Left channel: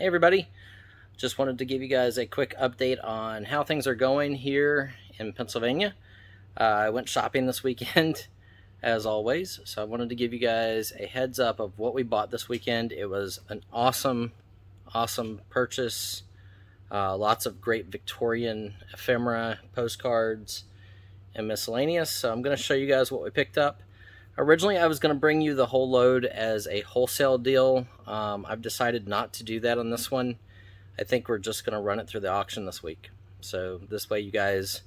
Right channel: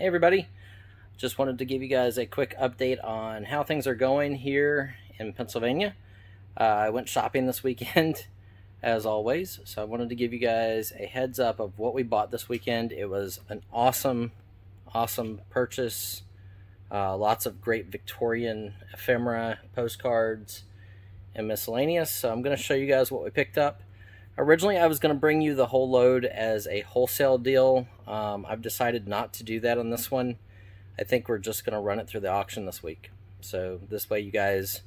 Hey everybody, just wanted to give you guys a quick update on how things are going here in Pennsylvania. I went shopping this weekend as always, so I wanted to give you guys a heads up of what we bought this weekend. It was an awesome purchase. Lots of great Victorian ephemera, postcards, and miscellaneous. So I'm going to show you guys what we picked up. Originally, I was going to bring you the whole load as a wholesale deal. I've decided not to do that on this one. I think we're just going to run it through the auction this week. So this way you guys,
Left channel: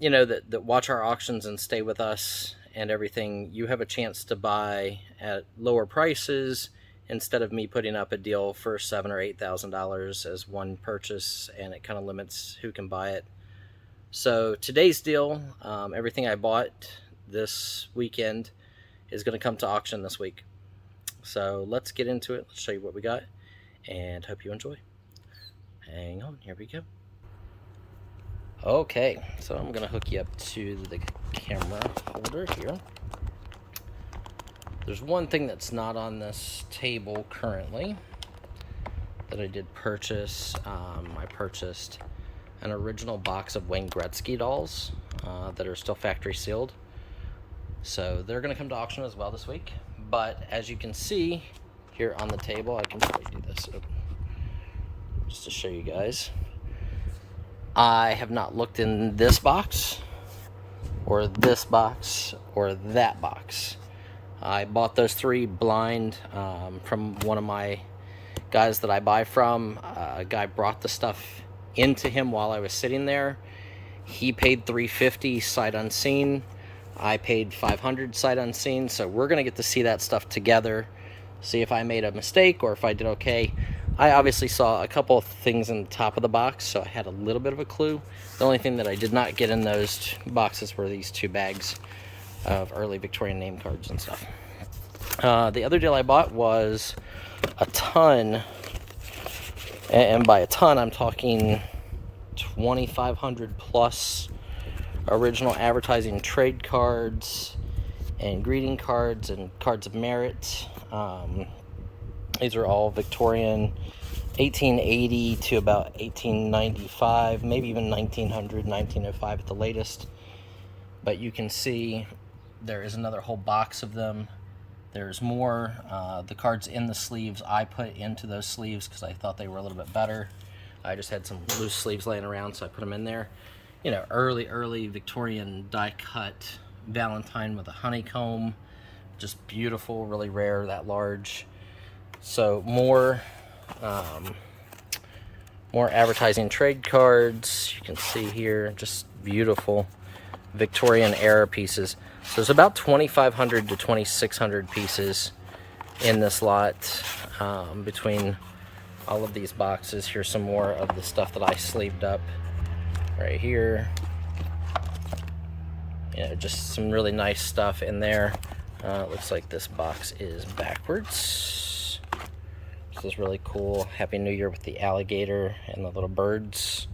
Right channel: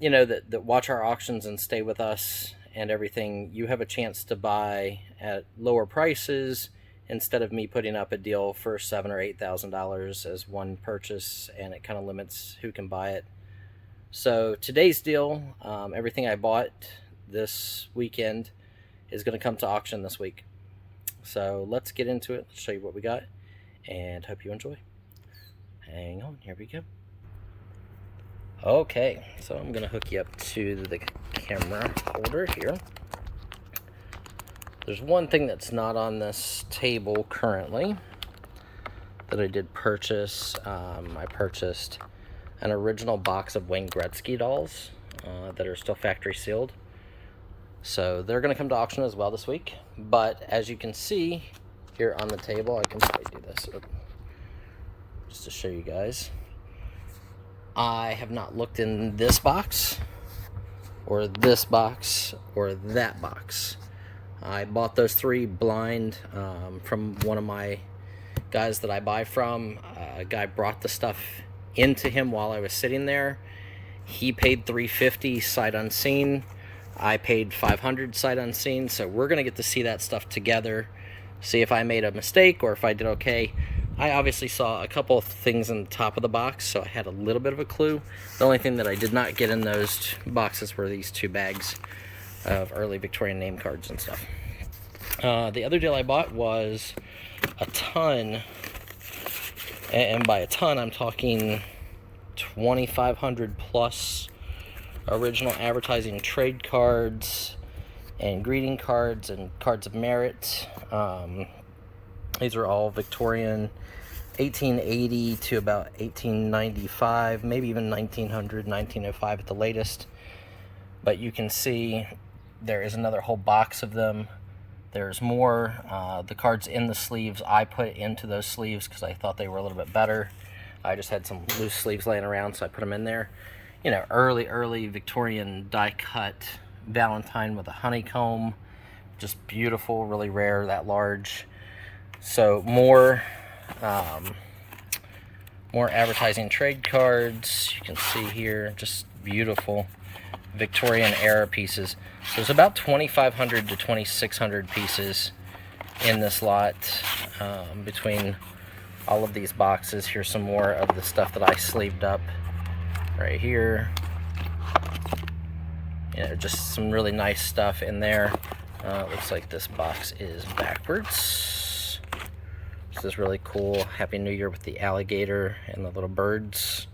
that watch our auctions and stay with us and everything, you have a chance to buy at lower prices instead of me putting up a deal for $7,000 or $8,000 as one purchase, and it kind of limits who can buy it. So today's deal, everything I bought this weekend is going to come to auction this week. So let's get into it. Let's show you what we got and hope you enjoy. Hang on, here we go. Okay, so I'm going to hook you up to the camera holder here. There's one thing that's not on this table currently that I did purchase. I purchased an original box of Wayne Gretzky dolls that are still factory sealed. So they're going to come to auction as well this week. But as you can see here on the table, I can probably do this just to show you guys. I have not looked in this box or this box or that box. I bought those three blind from one of my guys that I buy from. A guy brought the stuff into him while I was sitting there. He paid $350 sight unseen. I paid $500 sight unseen, so we're going to get to see that stuff together, see if I made a mistake or if I did okay. I obviously saw a couple of things in the top of the box, so I had a little bit of a clue. The only thing that I did not get in those boxes were these two bags of early Victorian name cards and stuff. The other deal I bought was a ton, and by a ton I'm talking 2,500 plus original advertising trade cards and greeting cards and cards of merit. These are all Victorian 1880 to about 1895, maybe even 1900, 1905 at the latest. But you can see there is another whole box of them. There's more. The cards in the sleeves I put into those sleeves because I thought they were a little bit better. I just had some loose sleeves laying around, so I put them in there. Early Victorian die-cut Valentine with a honeycomb. Just beautiful, really rare, that large. So more advertising trade cards. You can see here, just beautiful Victorian era pieces. So there's about 2,500 to 2,600 pieces in this lot between all of these boxes. Here's some more of the stuff that I sleeved up right here. Just some really nice stuff in there. It looks like this box is backwards. This is really cool. Happy New Year with the alligator and the little birds.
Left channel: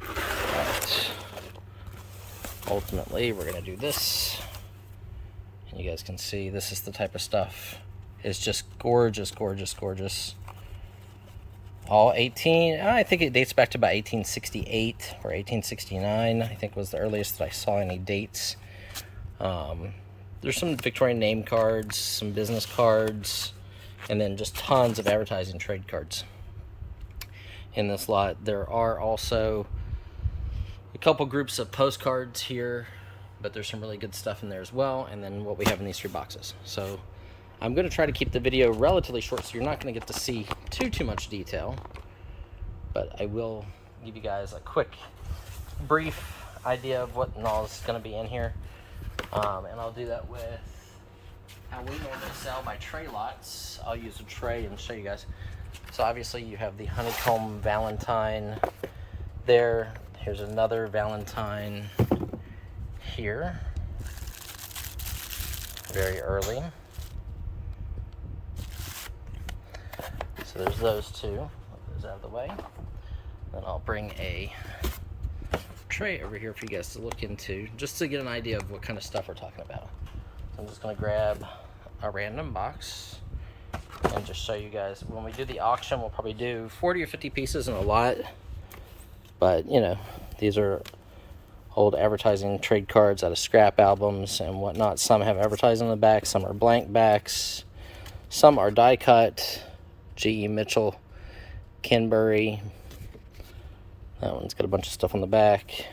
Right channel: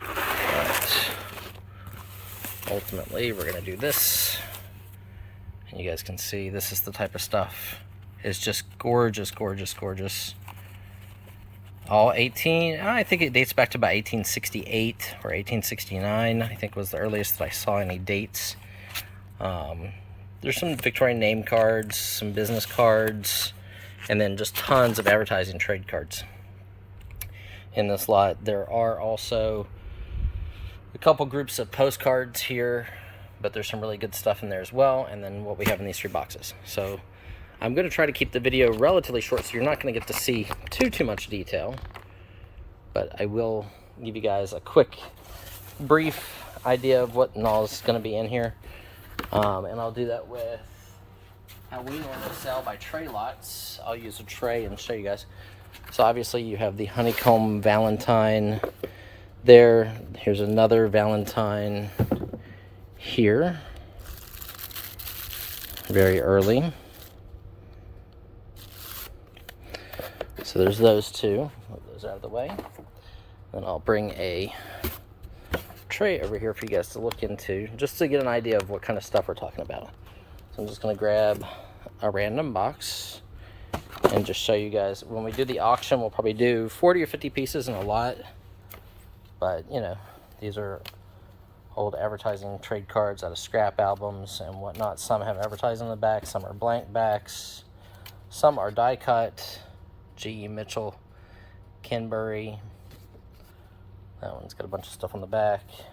But ultimately, we're gonna do this. And you guys can see this is the type of stuff. It's just gorgeous, gorgeous, gorgeous. All 18, I think it dates back to about 1868 or 1869, I think was the earliest that I saw any dates. There's some Victorian name cards, some business cards, and then just tons of advertising trade cards in this lot. There are also a couple groups of postcards here, but there's some really good stuff in there as well, and then what we have in these three boxes. So I'm going to try to keep the video relatively short, so you're not going to get to see too much detail. But I will give you guys a quick, brief idea of what all is going to be in here. And I'll do that with how we normally sell by tray lots. I'll use a tray and show you guys. So obviously you have the honeycomb Valentine there. Here's another Valentine here. Very early. So there's those two. Move those out of the way. Then I'll bring a tray over here for you guys to look into, just to get an idea of what kind of stuff we're talking about. So I'm just going to grab a random box and just show you guys. When we do the auction, we'll probably do 40 or 50 pieces in a lot. But, you know, these are old advertising trade cards out of scrap albums and whatnot. Some have advertising on the back, some are blank backs, some are die cut. G.E. Mitchell, Kenbury. That one's got a bunch of stuff on the back.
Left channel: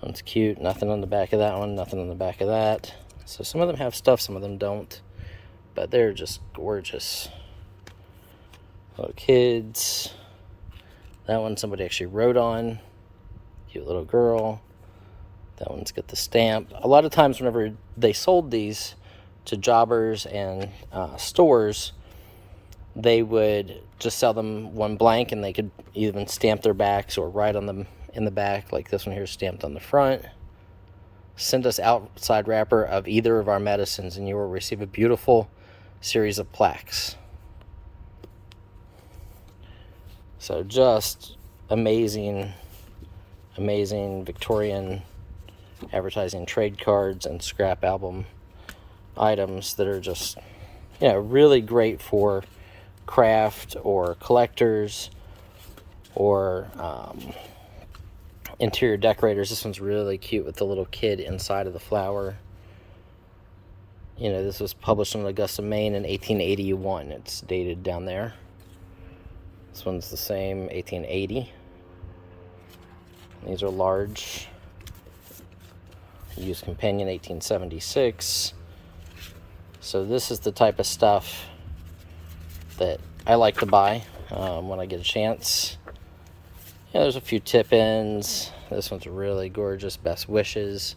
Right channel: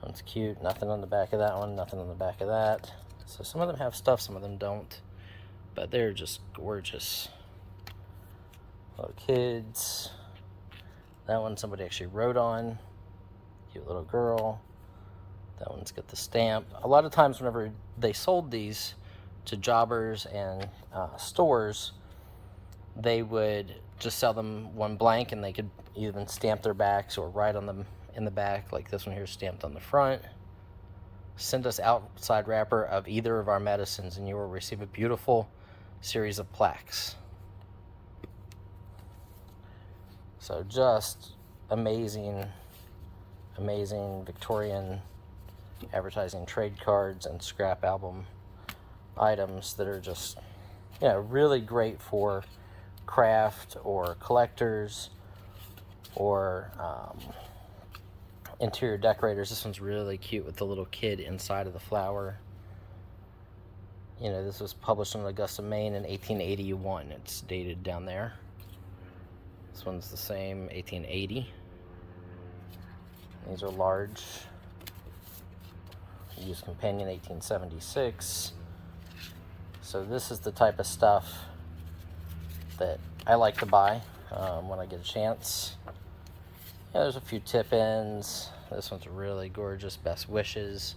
That one's cute. Nothing on the back of that one, nothing on the back of that. So some of them have stuff, some of them don't. But they're just gorgeous. Little kids. That one somebody actually wrote on. Cute little girl. That one's got the stamp. A lot of times whenever they sold these to jobbers and stores, they would just sell them one blank, and they could even stamp their backs or write on them in the back, like this one here stamped on the front. Send us outside wrapper of either of our medicines and you will receive a beautiful series of plaques. So just amazing, amazing Victorian advertising trade cards and scrap album items that are just, you know, really great for craft or collectors or interior decorators. This one's really cute with the little kid inside of the flower. You know, this was published in Augusta, Maine in 1881. It's dated down there. This one's the same, 1880. These are large. Used companion, 1876. So this is the type of stuff that I like to buy when I get a chance. Yeah, there's a few tip-ins. This one's really gorgeous, Best Wishes.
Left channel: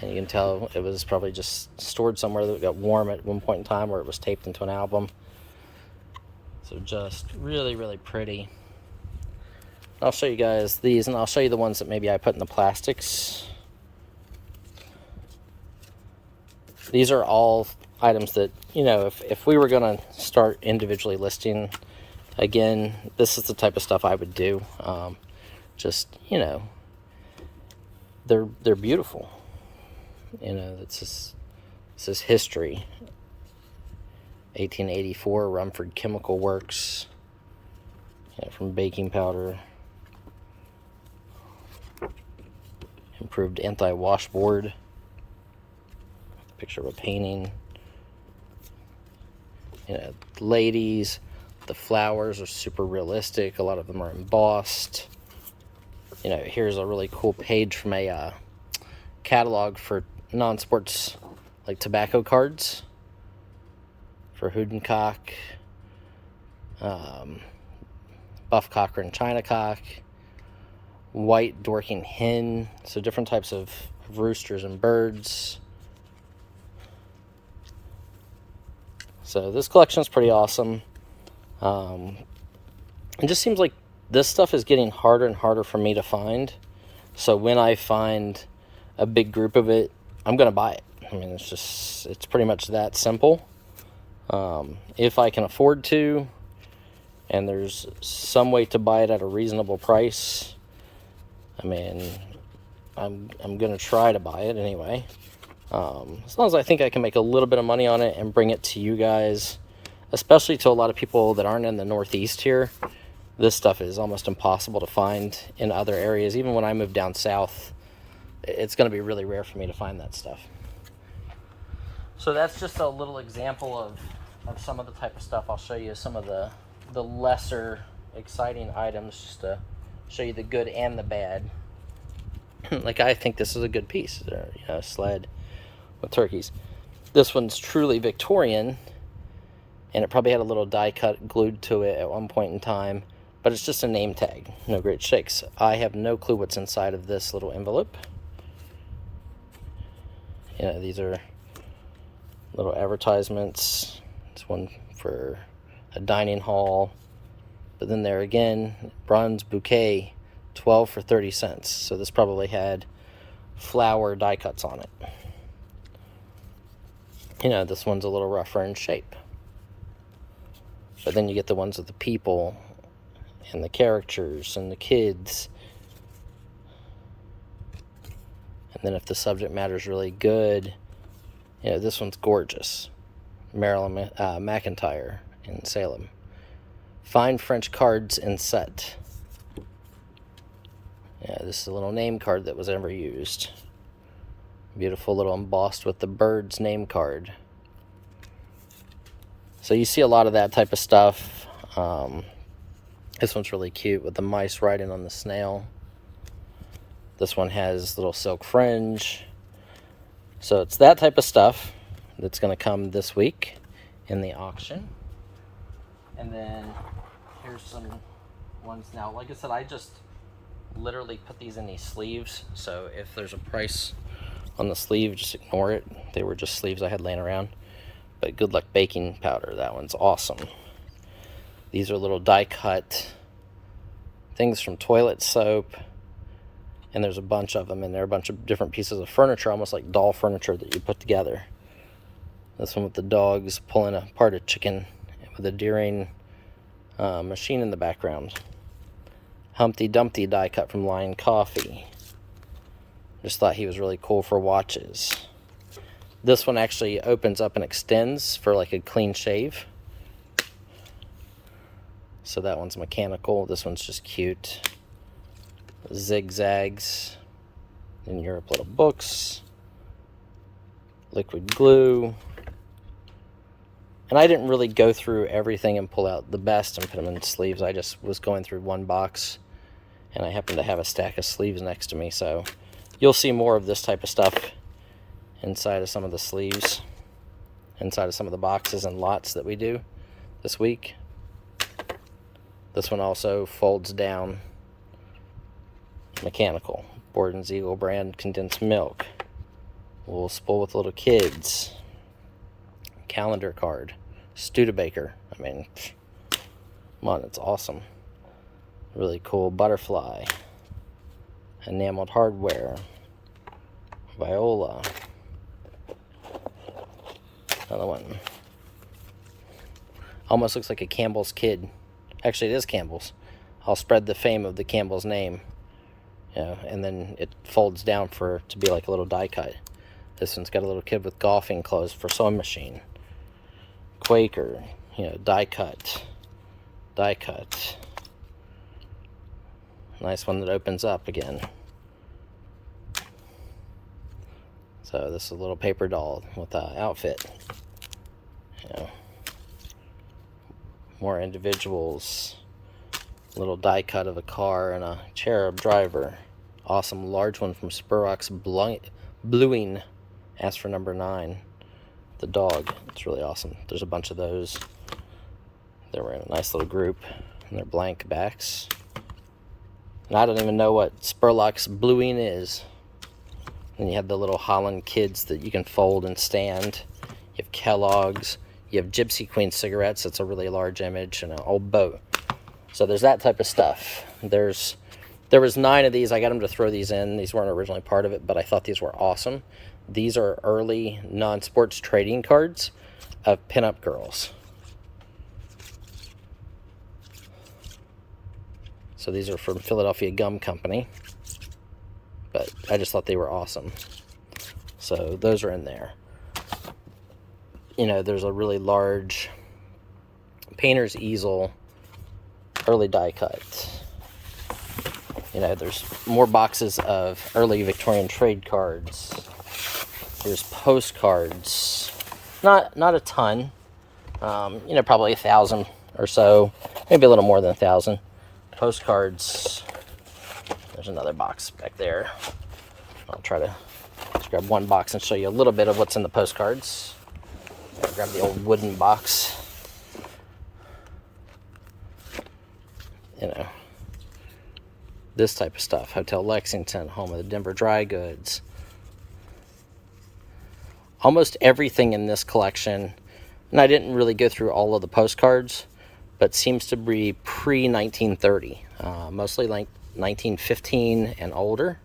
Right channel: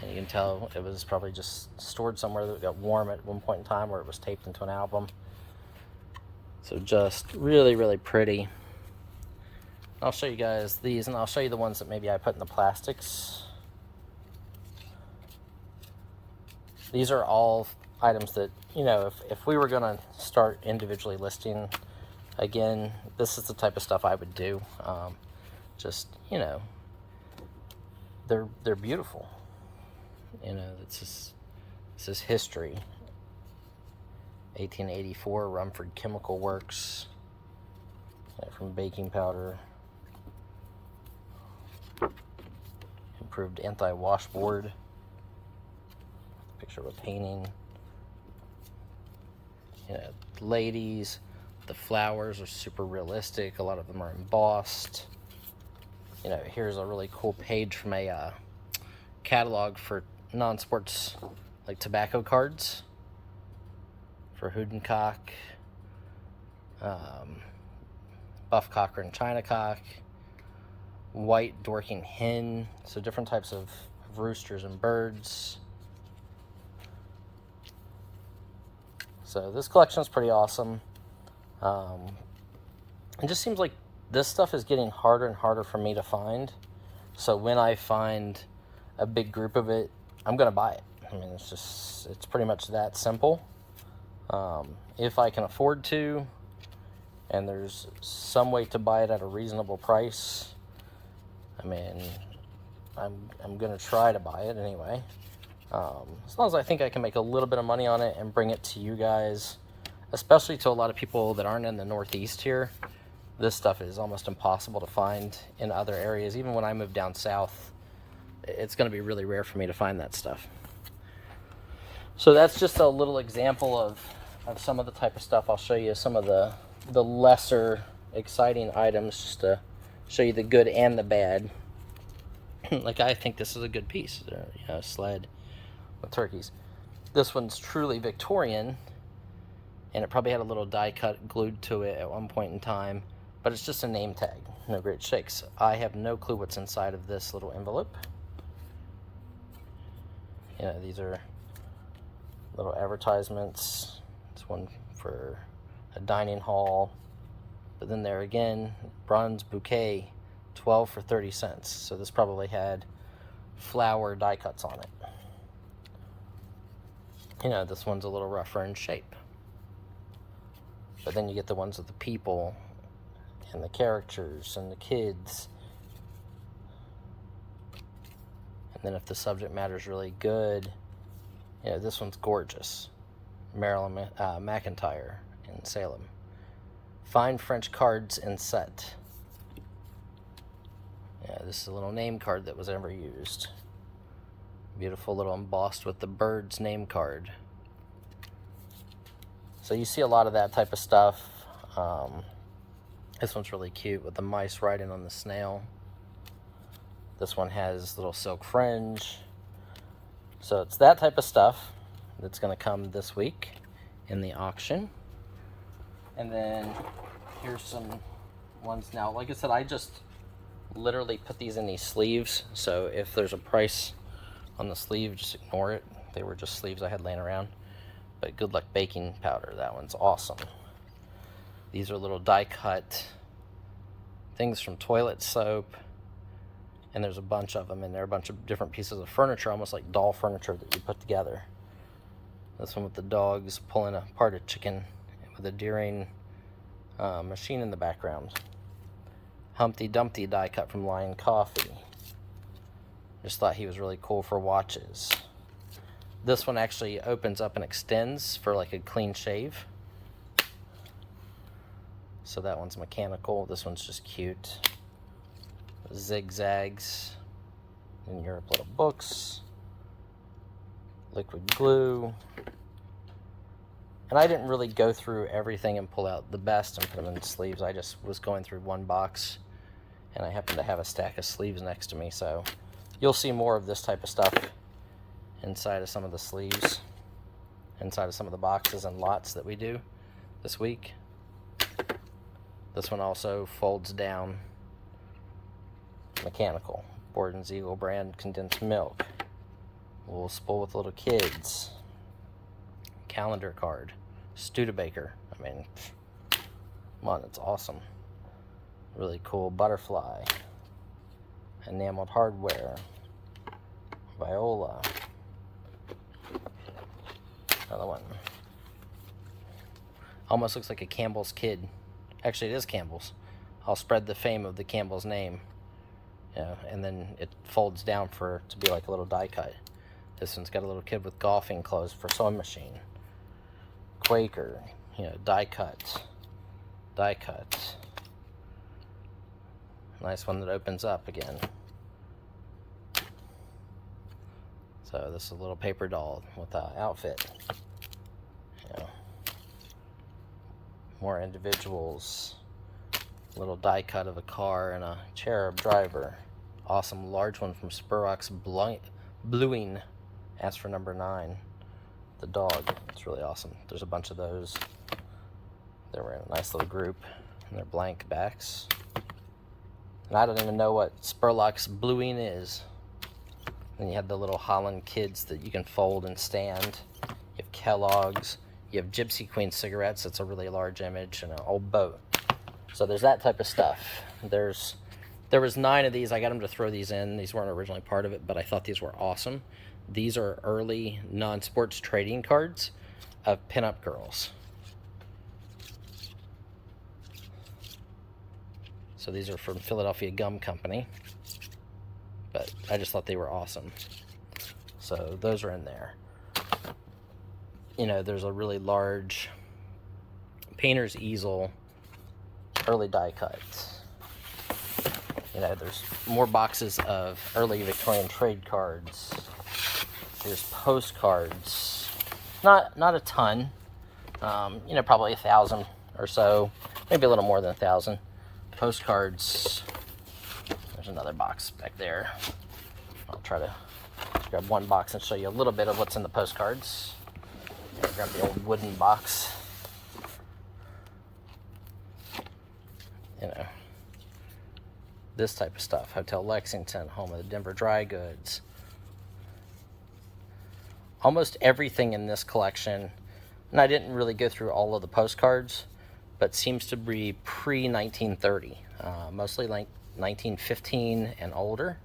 And you can tell it was probably just stored somewhere that got warm at one point in time, or it was taped into an album. So just really, really pretty. I'll show you guys these, and I'll show you the ones that maybe I put in the plastics. These are all items that, you know, if we were going to start individually listing again, this is the type of stuff I would do. Just, you know, they're beautiful. You know, this is history. 1884, Rumford Chemical Works. Yeah, from baking powder. Improved anti-washboard. Picture of a painting. You know, ladies. The flowers are super realistic. A lot of them are embossed. You know, here's a really cool page from a catalog for non-sports, like tobacco cards. For Hudenkoch, Buff Cochran China Cock, White Dorking Hen, so different types of roosters and birds. So this collection is pretty awesome. It just seems like this stuff is getting harder and harder for me to find. So when I find a big group of it, I'm going to buy it. I mean, it's pretty much that simple. If I can afford to, and there's some way to buy it at a reasonable price, I mean, I'm going to try to buy it anyway. As long as I think I can make a little bit of money on it and bring it to you guys, especially to a lot of people that aren't in the Northeast here. This stuff is almost impossible to find in other areas. Even when I move down south, it's going to be really rare for me to find that stuff. So that's just a little example of some of the type of stuff. I'll show you some of the lesser exciting items just to show you the good and the bad. Like, I think this is a good piece. A sled with turkeys. This one's truly Victorian, and it probably had a little die cut glued to it at one point in time, but it's just a name tag. No great shakes. I have no clue what's inside of this little envelope. You know, these are little advertisements. It's one for a dining hall. But then there again, bronze bouquet, 12 for 30 cents. So this probably had flower die cuts on it. You know, this one's a little rougher in shape. But then you get the ones with the people and the characters and the kids. And then if the subject matter is really good, you know, this one's gorgeous. Marilyn McIntyre in Salem. Fine French cards in set. Yeah, this is a little name card that was ever used. Beautiful little embossed with the bird's name card. So you see a lot of that type of stuff. This one's really cute with the mice riding on the snail. This one has little silk fringe. So it's that type of stuff that's going to come this week in the auction. And then here's some ones now. Like I said, I just literally put these in these sleeves. So if there's a price on the sleeve, just ignore it. They were just sleeves I had laying around. But Good Luck baking powder, that one's awesome. These are little die cut things from toilet soap, and there's a bunch of them, and they're a bunch of different pieces of furniture, almost like doll furniture that you put together. This one with the dogs pulling apart a chicken with a Deering machine in the background. Humpty Dumpty die cut from Lion Coffee. Just thought he was really cool for watches. This one actually opens up and extends for like a clean shave. So that one's mechanical. This one's just cute. Zigzags. In Europe, little books. Liquid glue. And I didn't really go through everything and pull out the best and put them in sleeves. I just was going through one box, and I happened to have a stack of sleeves next to me. So you'll see more of this type of stuff inside of some of the sleeves, inside of some of the boxes and lots that we do this week. This one also folds down, mechanical. Borden's Eagle brand condensed milk. Wool spool with little kids. Calendar card. Studebaker. I mean, come on, it's awesome. Really cool butterfly. Enameled hardware. Viola. Another one. Almost looks like a Campbell's kid. Actually, it is Campbell's. I'll spread the fame of the Campbell's name. You know, and then it folds down to be like a little die cut. This one's got a little kid with golfing clothes for sewing machine. Quaker, you know, die cut. Die cut. Nice one that opens up again. So this is a little paper doll with an outfit. You know, more individuals. Little die cut of a car and a cherub driver. Awesome large one from Spurrock's Bluing. Asked for number 9. The dog. It's really awesome. There's a bunch of those. They were in a nice little group, and they're blank backs. And I don't even know what Spurlock's Bluing is. And you have the little Holland kids that you can fold and stand. You have Kellogg's. You have Gypsy Queen cigarettes. That's a really large image, and an old boat. So there's that type of stuff. There was 9 of these. I got them to throw these in. These weren't originally part of it, but I thought these were awesome. These are early non-sports trading cards of pinup girls. So these are from Philadelphia Gum Company, but I just thought they were awesome. So those are in there. You know, there's a really large painter's easel, early die cut. You know, there's more boxes of early Victorian trade cards. There's postcards. Not a ton. You know, probably 1,000 or so. Maybe a little more than 1,000. Postcards. There's another box back there. I'll try to just grab one box and show you a little bit of what's in the postcards. I'll grab the old wooden box. You know, this type of stuff. Hotel Lexington, home of the Denver Dry Goods. Almost everything in this collection, and I didn't really go through all of the postcards, but seems to be pre-1930. Mostly like 1915 and older.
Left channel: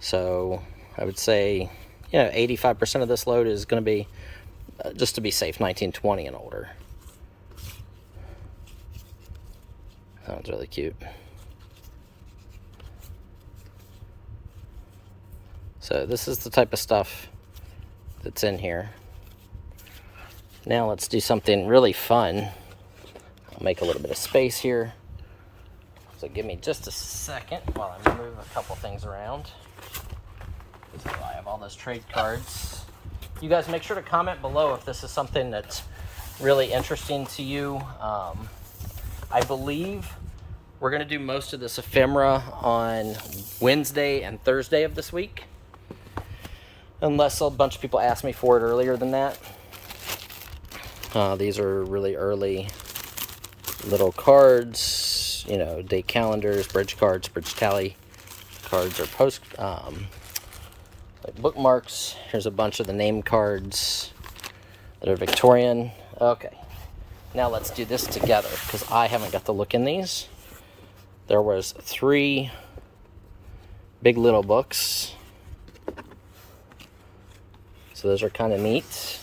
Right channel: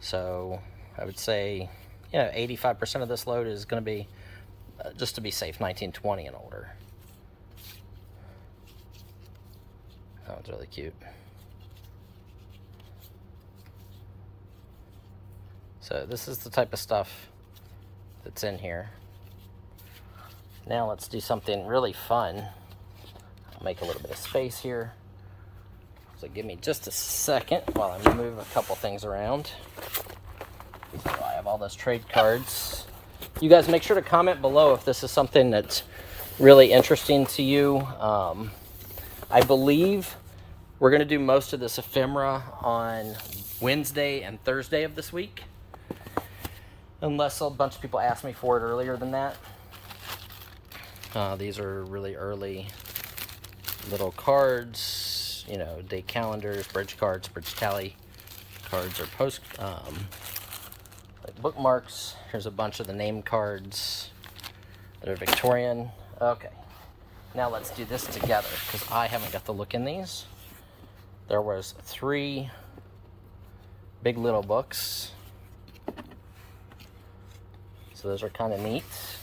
So I would say, you know, 85% of this load is going to be, just to be safe, 1920 and older. That one's really cute. So this is the type of stuff that's in here. Now let's do something really fun. I'll make a little bit of space here. So give me just a second while I move a couple things around. So I have all those trade cards. You guys make sure to comment below if this is something that's really interesting to you. I believe we're going to do most of this ephemera on Wednesday and Thursday of this week. Unless a bunch of people ask me for it earlier than that. These are really early little cards, you know, date calendars, bridge cards, bridge tally cards, or like bookmarks. Here's a bunch of the name cards that are Victorian. Okay, now let's do this together because I haven't got to look in these. There was 3 big little books, so those are kind of neat.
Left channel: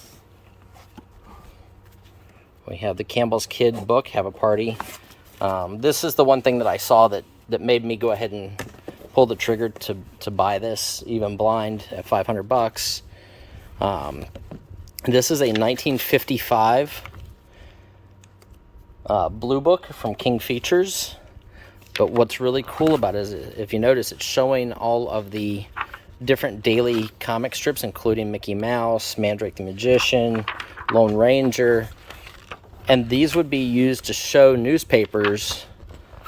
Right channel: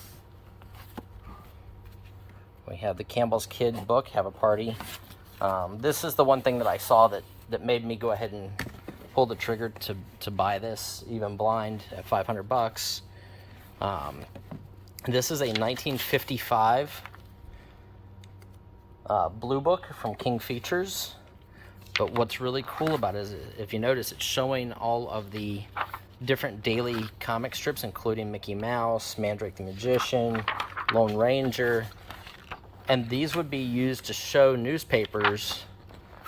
We have the Campbell's Kid book, Have a Party. This is the one thing that I saw that made me go ahead and pull the trigger to buy this, even blind, at 500 bucks. This is a 1955 blue book from King Features. But what's really cool about it is, if you notice, it's showing all of the different daily comic strips, including Mickey Mouse, Mandrake the Magician, Lone Ranger. And these would be used to show newspapers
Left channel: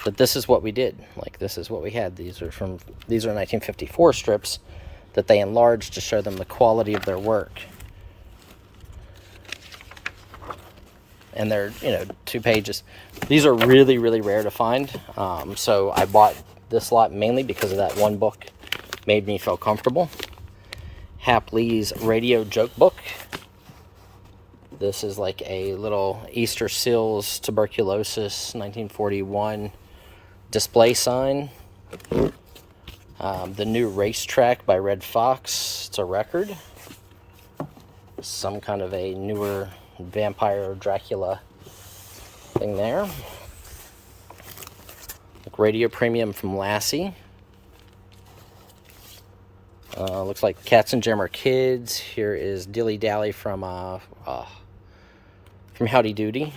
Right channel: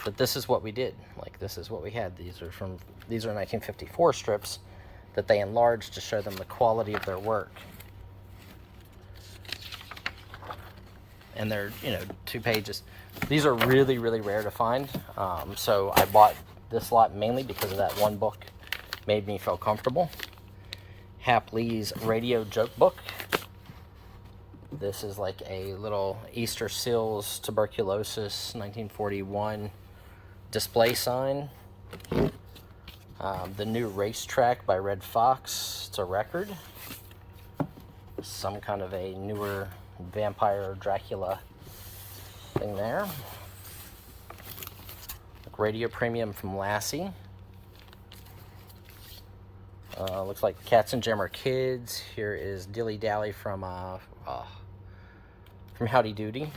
that this is what we did. Like, this is what we had. These are 1954 strips that they enlarged to show them the quality of their work. And they're, you know, 2 pages. These are really, really rare to find. So I bought this lot mainly because of that one book. Made me feel comfortable. Hap Lee's radio joke book. This is like a little Easter Seals tuberculosis 1941 display sign. The New Racetrack by Red Fox. It's a record. Some kind of a newer vampire Dracula thing there. Radio Premium from Lassie. Looks like Cats and Jammer Kids. Here is Dilly Dally from Howdy Doody.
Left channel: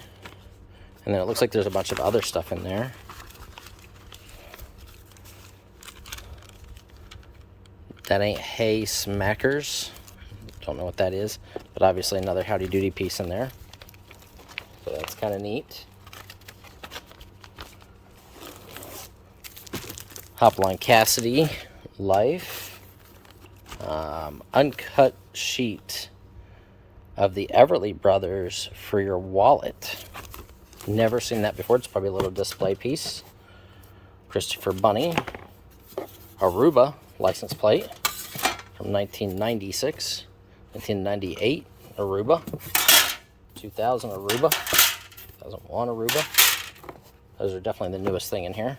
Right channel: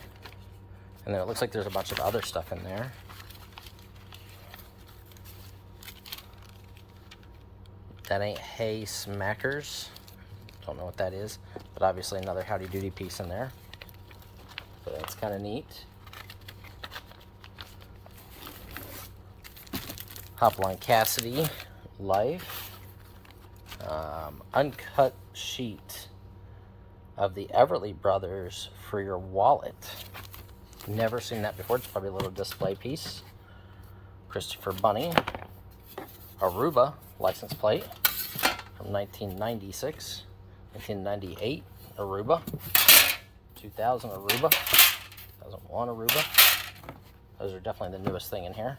And then it looks like there's a bunch of other stuff in there. That Ain't Hay Smackers. Don't know what that is, but obviously another Howdy Doody piece in there. So that's kind of neat. Hopalong Cassidy, Life. Uncut sheet of the Everly Brothers for your wallet. Never seen that before. It's probably a little display piece. Christopher Bunny. Aruba license plate from 1996. 1998 Aruba. 2000 Aruba. 2001 Aruba. Those are definitely the newest thing in here.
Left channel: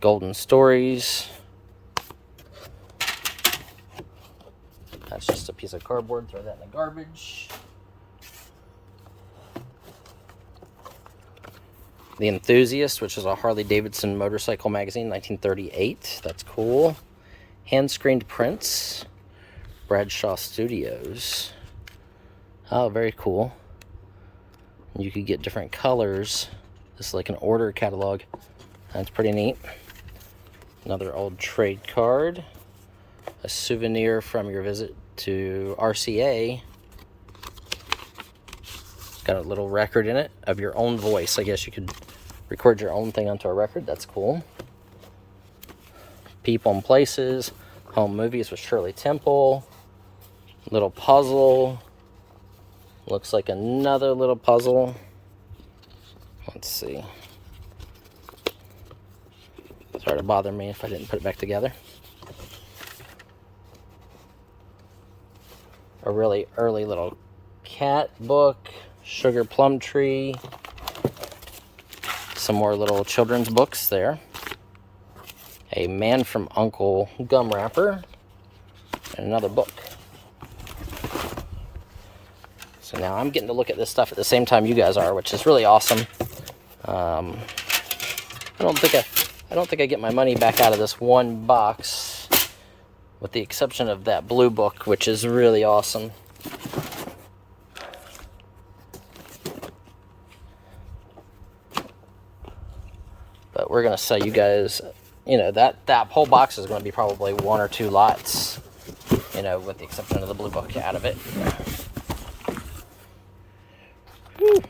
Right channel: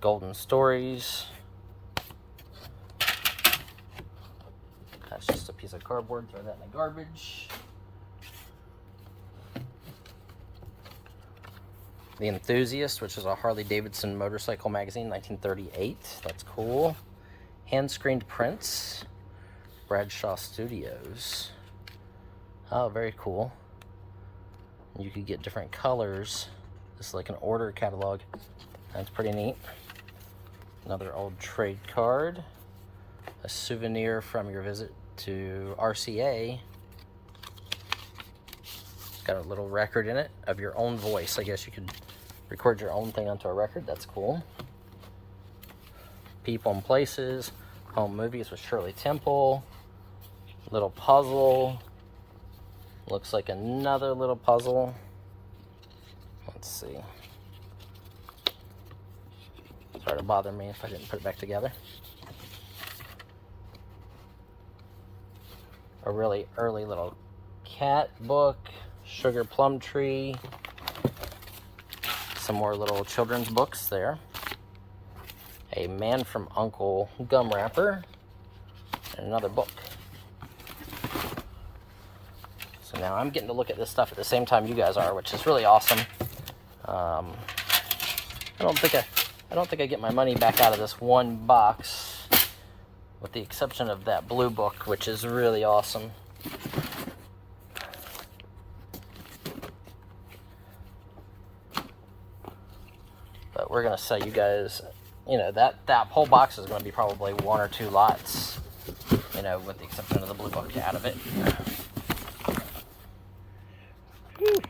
Golden Stories. That's just a piece of cardboard. Throw that in the garbage. The Enthusiast, which is a Harley Davidson motorcycle magazine, 1938. That's cool. Hand-screened prints. Bradshaw Studios. Oh, very cool. You could get different colors. This is like an order catalog. That's pretty neat. Another old trade card. A souvenir from your visit to RCA. Got a little record in it of your own voice. I guess you could record your own thing onto a record. That's cool. People and Places. Home Movies with Shirley Temple. Little puzzle. Looks like another little puzzle. Let's see. Sorry to bother me if I didn't put it back together. A really early little cat book. Sugar Plum Tree. Some more little children's books there. A Man from Uncle gum wrapper. And another book. So now I'm getting to look at this stuff at the same time you guys are, which is really awesome. I don't think I get my money back out of this one box, with the exception of that blue book, which is really awesome. but we're gonna sell you guys, you know, that whole box is gonna be probably 1 or 2 lots, you know, with the exception of the blue book out of it. Whew.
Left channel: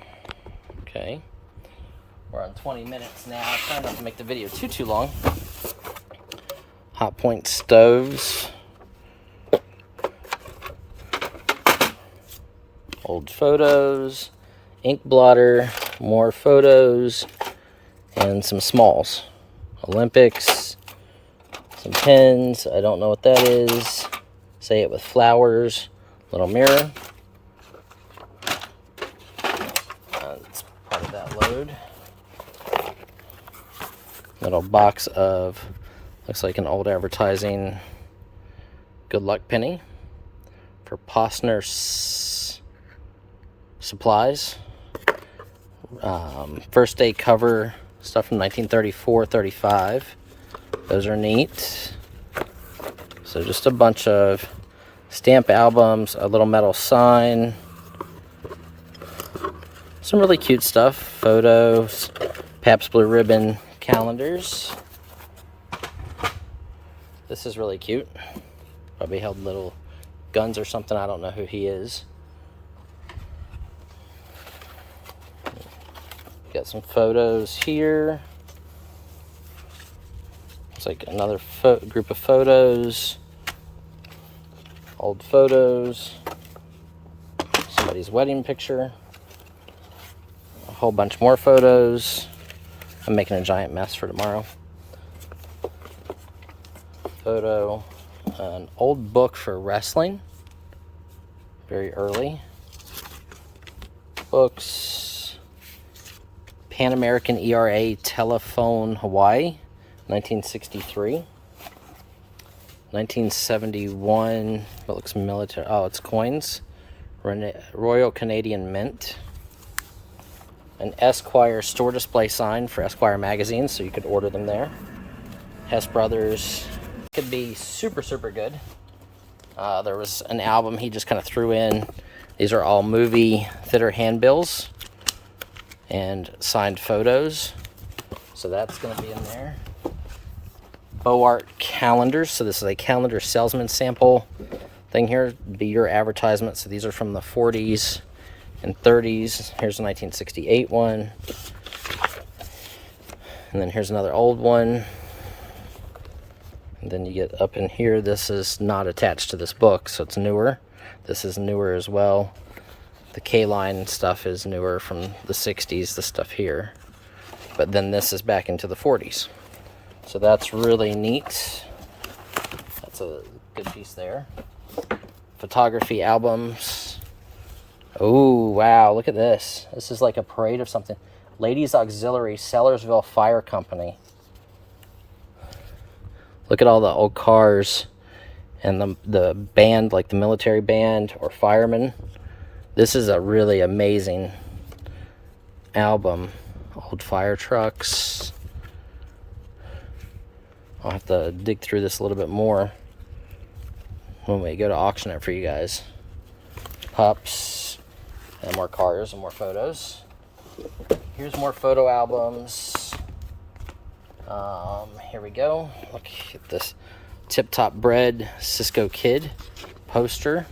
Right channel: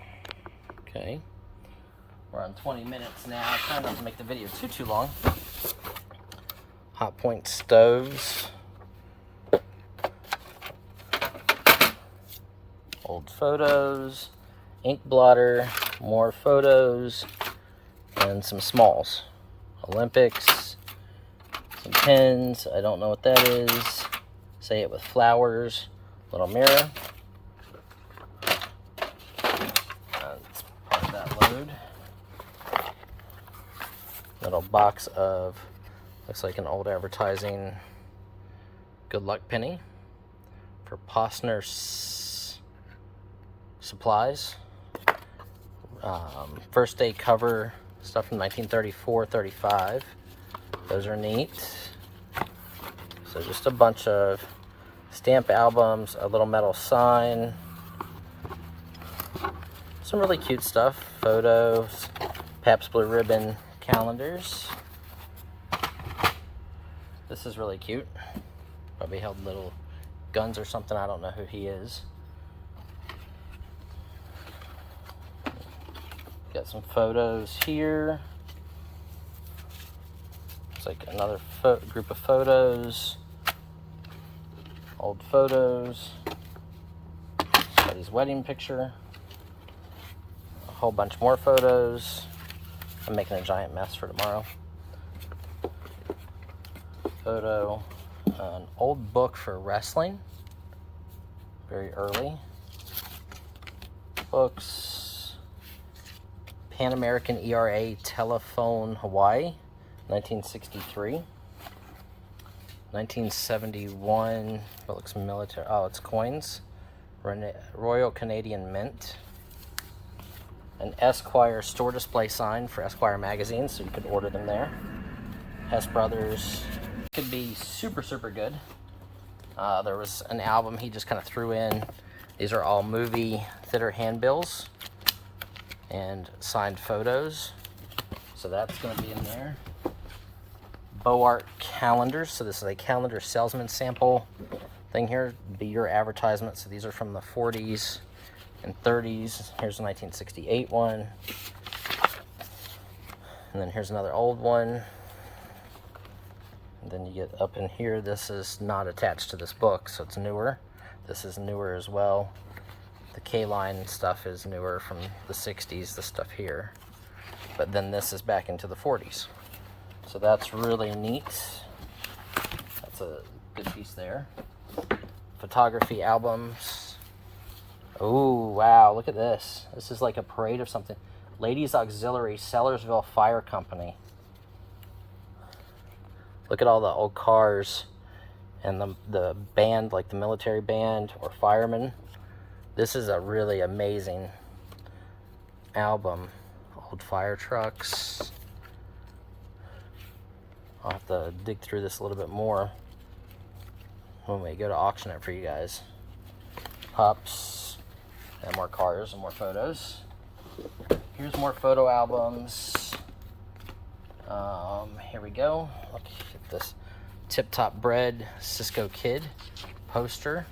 Okay, we're on 20 minutes now. Trying not to make the video too long. Hot point stoves, old photos, ink blotter, more photos, and some smalls. Olympics, some pens, I don't know what that is. Say it with flowers, little mirror. Let's put that load. Little box of, looks like an old advertising good luck penny for Postner supplies. First day cover stuff from 1934-35. Those are neat. So just a bunch of stamp albums, a little metal sign, some really cute stuff, photos, Pabst Blue Ribbon calendars. This is really cute. Probably held little guns or something. I don't know who he is. Got some photos here. It's like another group of photos. Old photos. Somebody's wedding picture. A whole bunch more photos. I'm making a giant mess for tomorrow. Photo. An old book for wrestling. Very early. Books. Pan American ERA Telephone Hawaii, 1963. 1971, it looks military. Oh, it's coins. Royal Canadian Mint. An Esquire store display sign for Esquire magazines, so you could order them there. Hess Brothers. Could be super good. There was an album he just kind of threw in. These are all movie theater handbills and signed photos, so that's going to be in there. Boart calendars, so this is a calendar salesman sample thing here, be your advertisement. So these are from the 40s and 30s. Here's a 1968 one, and then here's another old one, and then you get up in here. This is not attached to this book, so it's newer. This is newer as well. The K-line stuff is newer from the 60s, the stuff here. But then this is back into the 40s. So that's really neat. That's a good piece there. Photography albums. Oh, wow, look at this. This is like a parade of something. Ladies Auxiliary, Sellersville Fire Company. Look at all the old cars and the band, like the military band or firemen. This is a really amazing album. Old fire trucks. I'll have to dig through this a little bit more when we go to auction it for you guys. Pups, and more cars and more photos. Here's more photo albums. Here we go. Look at this Tip Top Bread Cisco Kid poster.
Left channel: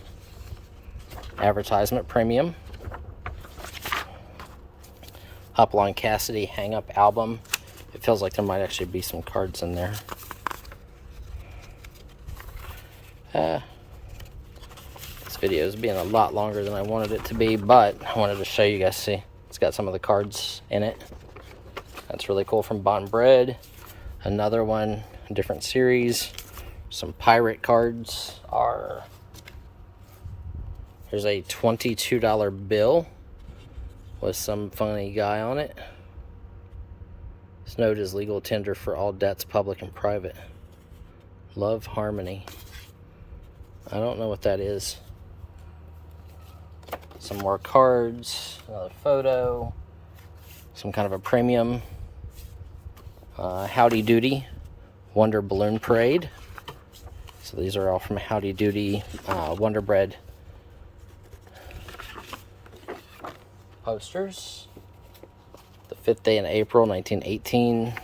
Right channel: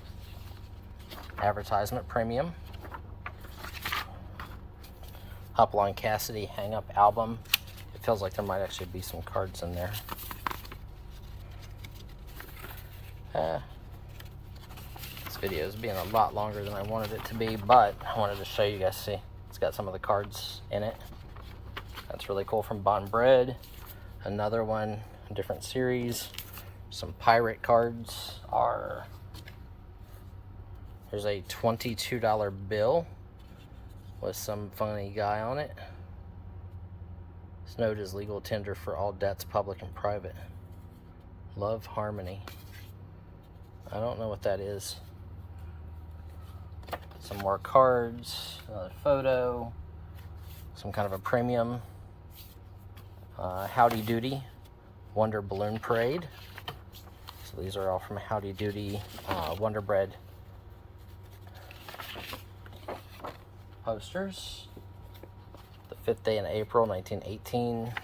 Advertisement premium. Hopalong Cassidy Hang Up album. It feels like there might actually be some cards in there. This video is being a lot longer than I wanted it to be, but I wanted to show you guys. See, it's got some of the cards in it. That's really cool. From Bond Bread. Another one, a different series. Some pirate cards are. Here's a $22 bill with some funny guy on it. This note is legal tender for all debts, public and private. Love Harmony. I don't know what that is. Some more cards, another photo, some kind of a premium. Howdy Doody, Wonder Balloon Parade. So these are all from Howdy Doody Wonder Bread posters. The 5th day in April 1918.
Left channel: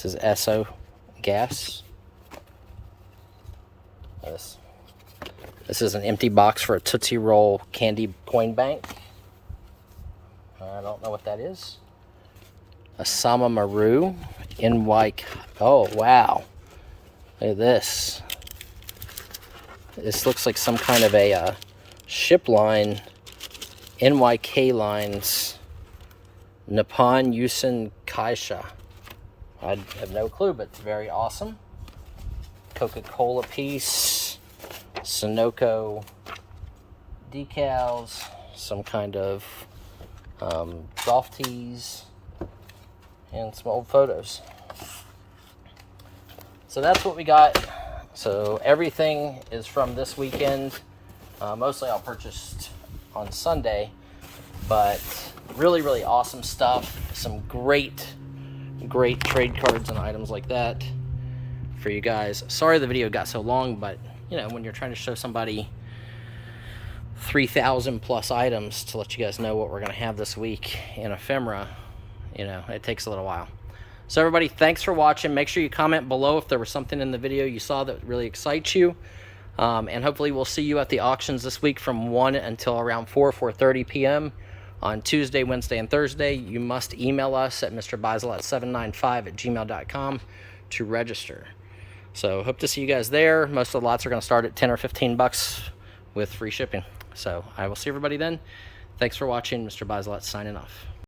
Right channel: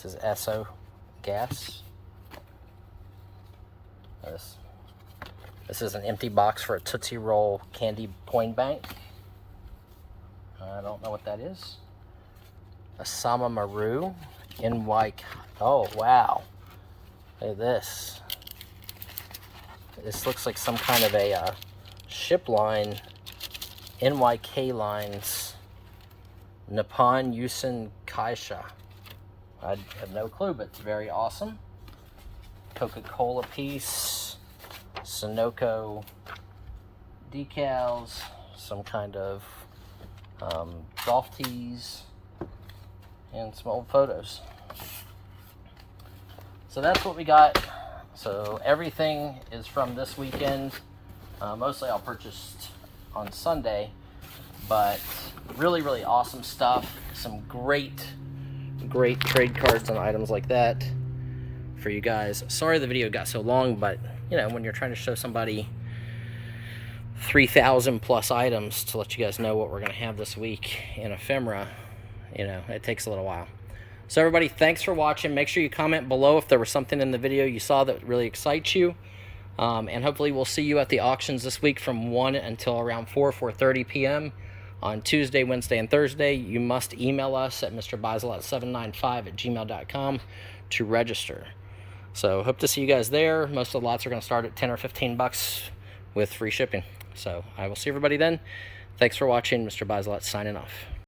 This is Esso gas. This is an empty box for a Tootsie Roll candy coin bank. I don't know what that is. A Sama Maru NY. Oh, wow. Look at this. This looks like some kind of a ship line. NYK lines. Nippon Yusen Kaisha. I have no clue, but it's very awesome. Coca-Cola piece. Sunoco decals. Some kind of golf tees. And some old photos. So that's what we got. So everything is from this weekend. Mostly I'll purchase on Sunday, but really awesome stuff. Some great trade cards and items like that for you guys. Sorry the video got so long, but you know, when you're trying to show somebody 3,000 plus items to let you guys know what we're going to have this week in Ephemera, you know, it takes a little while. So everybody, thanks for watching. Make sure you comment below if there was something in the video you saw that really excites you. And hopefully we'll see you at the auctions this week from 1 until around 4:30 p.m. on Tuesday, Wednesday, and Thursday. You must email us at mrbiselot795@gmail.com to register. So hope to see you guys there. Most of the lots are going to start at 10 or 15 bucks with free shipping. So I will see everybody then. Thanks for watching. Mr. Biselot signing off.